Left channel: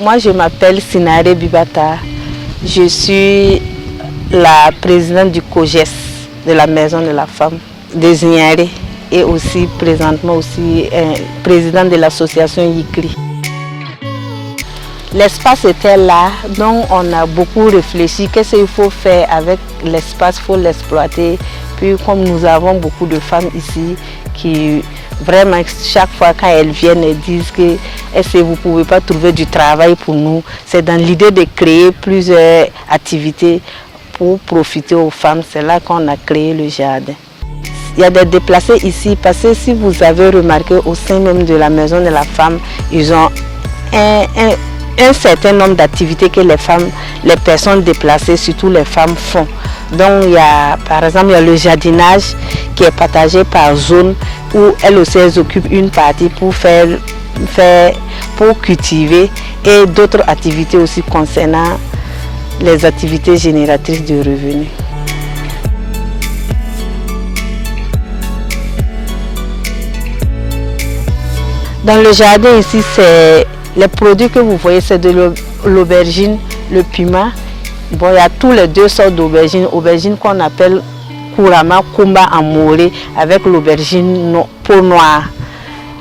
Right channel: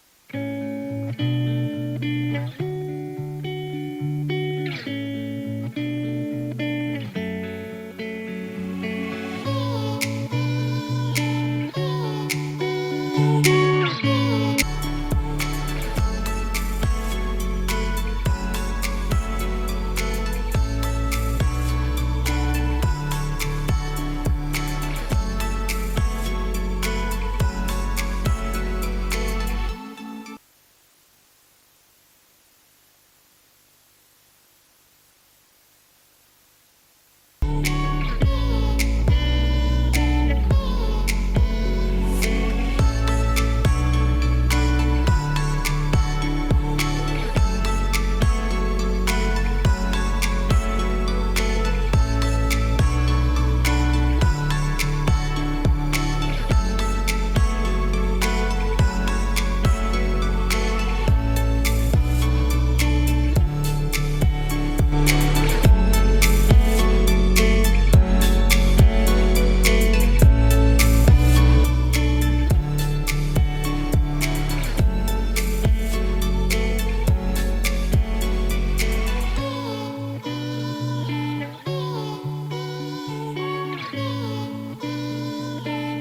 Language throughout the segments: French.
Moi, je m'appelle Sinare Bibata. Je suis la présidente du COGES, de la Maison de la Femme de Zignaré, et aussi présentement aussi présidente de l'association Yikri. L'espace était là, donc on a beaucoup réfléchi. Qu'est-ce qu'il faut faire avec l'espace? Il faut l'exploiter. Puis comme nous avons beaucoup de femmes ici qui vraiment chaque fois quand elles viennent, elles disent que est-ce que vous ne pouvez pas trouver du travail pour nous? C'est dans l'idée de créer plusieurs activités pour profiter aux femmes. C'est là qu'on a créé le jardin. Il y a des déplacés ici parce que si vous avez remarqué au sein même de la Maison de la Femme, ils ont un certain nombre d'activités que les personnes déplacées, surtout les femmes, font. Donc il y a, par exemple, il y a le jardinage qui est partagé par zone où elles aussi occupent une partie pour pour cultiver, et d'autres activités aussi concernant les activités génératrices de revenus. Dans le jardin ici, les produits que vous voyez, c'est de l'aubergine, le piment. Bon, il y a tous les deux sortes d'aubergines. Aubergine qu'on appelle couramment kumba en moré, avec l'aubergine peau noire.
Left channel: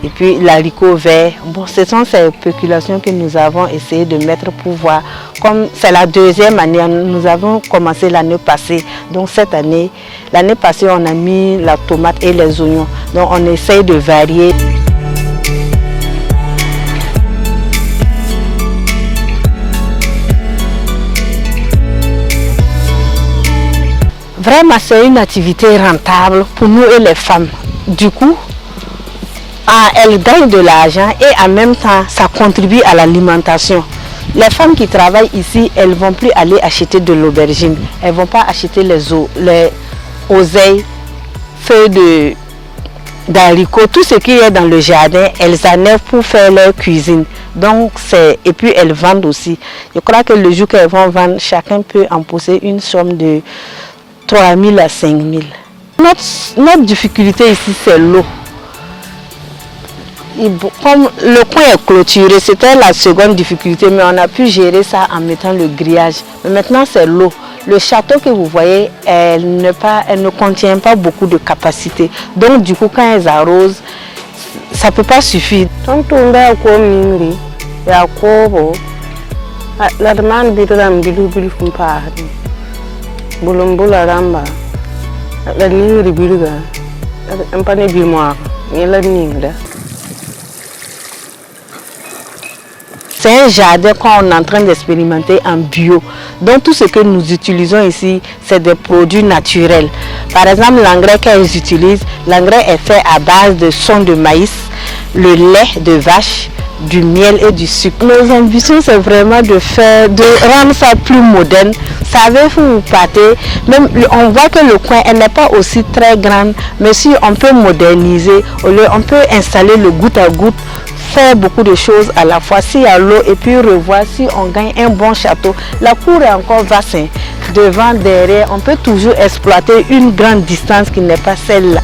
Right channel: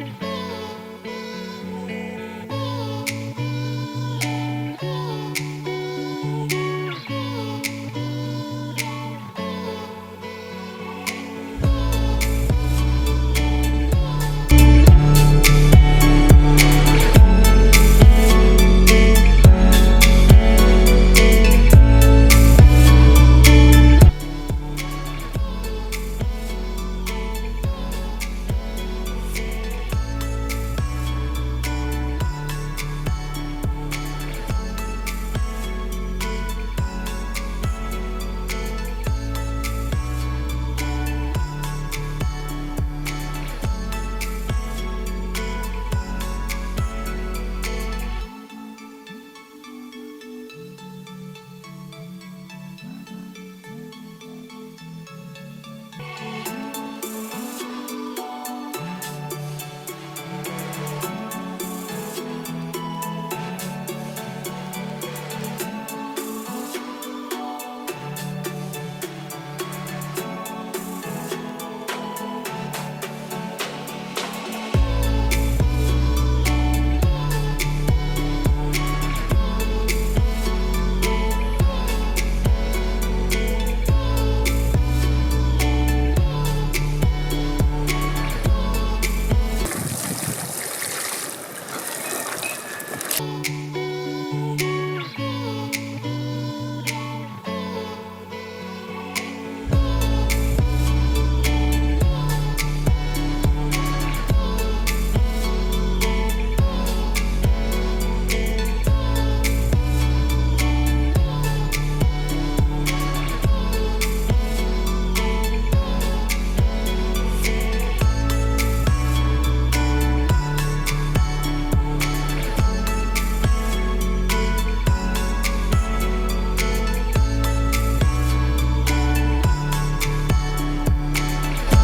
Et puis l'haricot vert. Bon, ce sont ces spéculations que nous avons essayé de mettre pour voir. Comme c'est la deuxième année, nous avons commencé l'année passée. Donc cette année, l'année passée, on a mis la tomate et les oignons. Donc on essaye de varier. Vraiment, c'est une activité rentable pour nous et les femmes. Du coup, elles gagnent de l'argent et en même temps, ça contribue à l'alimentation. Les femmes qui travaillent ici, elles ne vont plus aller acheter de l'aubergine. Elles ne vont pas acheter les oseilles, feuilles d'haricots, tout ce qui est dans le jardin, elles enlèvent pour faire leur cuisine. Donc, et puis elles vendent aussi. Je crois que le jour qu'elles vont vendre, chacun peut en posséder une somme de 3 000 à 5 000. Notre difficulté ici, c'est l'eau. Comme le coin est clôturé, c'était la seconde difficulté, mais on a pu gérer ça en mettant le grillage. Mais maintenant, c'est l'eau. Le château que vous voyez, elle ne contient pas beaucoup de capacité. Donc, du coup, quand elles arrosent, ça ne peut pas suffire. C'est un jardin qu'on est en train d'expérimenter en bio. Donc tout ce que nous utilisons ici, c'est des produits naturels. Par exemple, l'engrais qu'elles utilisent, l'engrais est fait à base de son de maïs, le lait de vache, du miel et du sucre. Nos ambitions, c'est vraiment de rendre ça plus moderne. Vous savez, vous partez, même on voit que le coin n'est pas aussi très grand, mais si on peut moderniser, on peut installer le goutte à goutte, faire beaucoup de choses à la fois, s'il y a l'eau, et puis revoir si on gagne un bon château. La cour est encore vaste, devant, derrière, on peut toujours exploiter une grande distance qui n'est pas celle-là.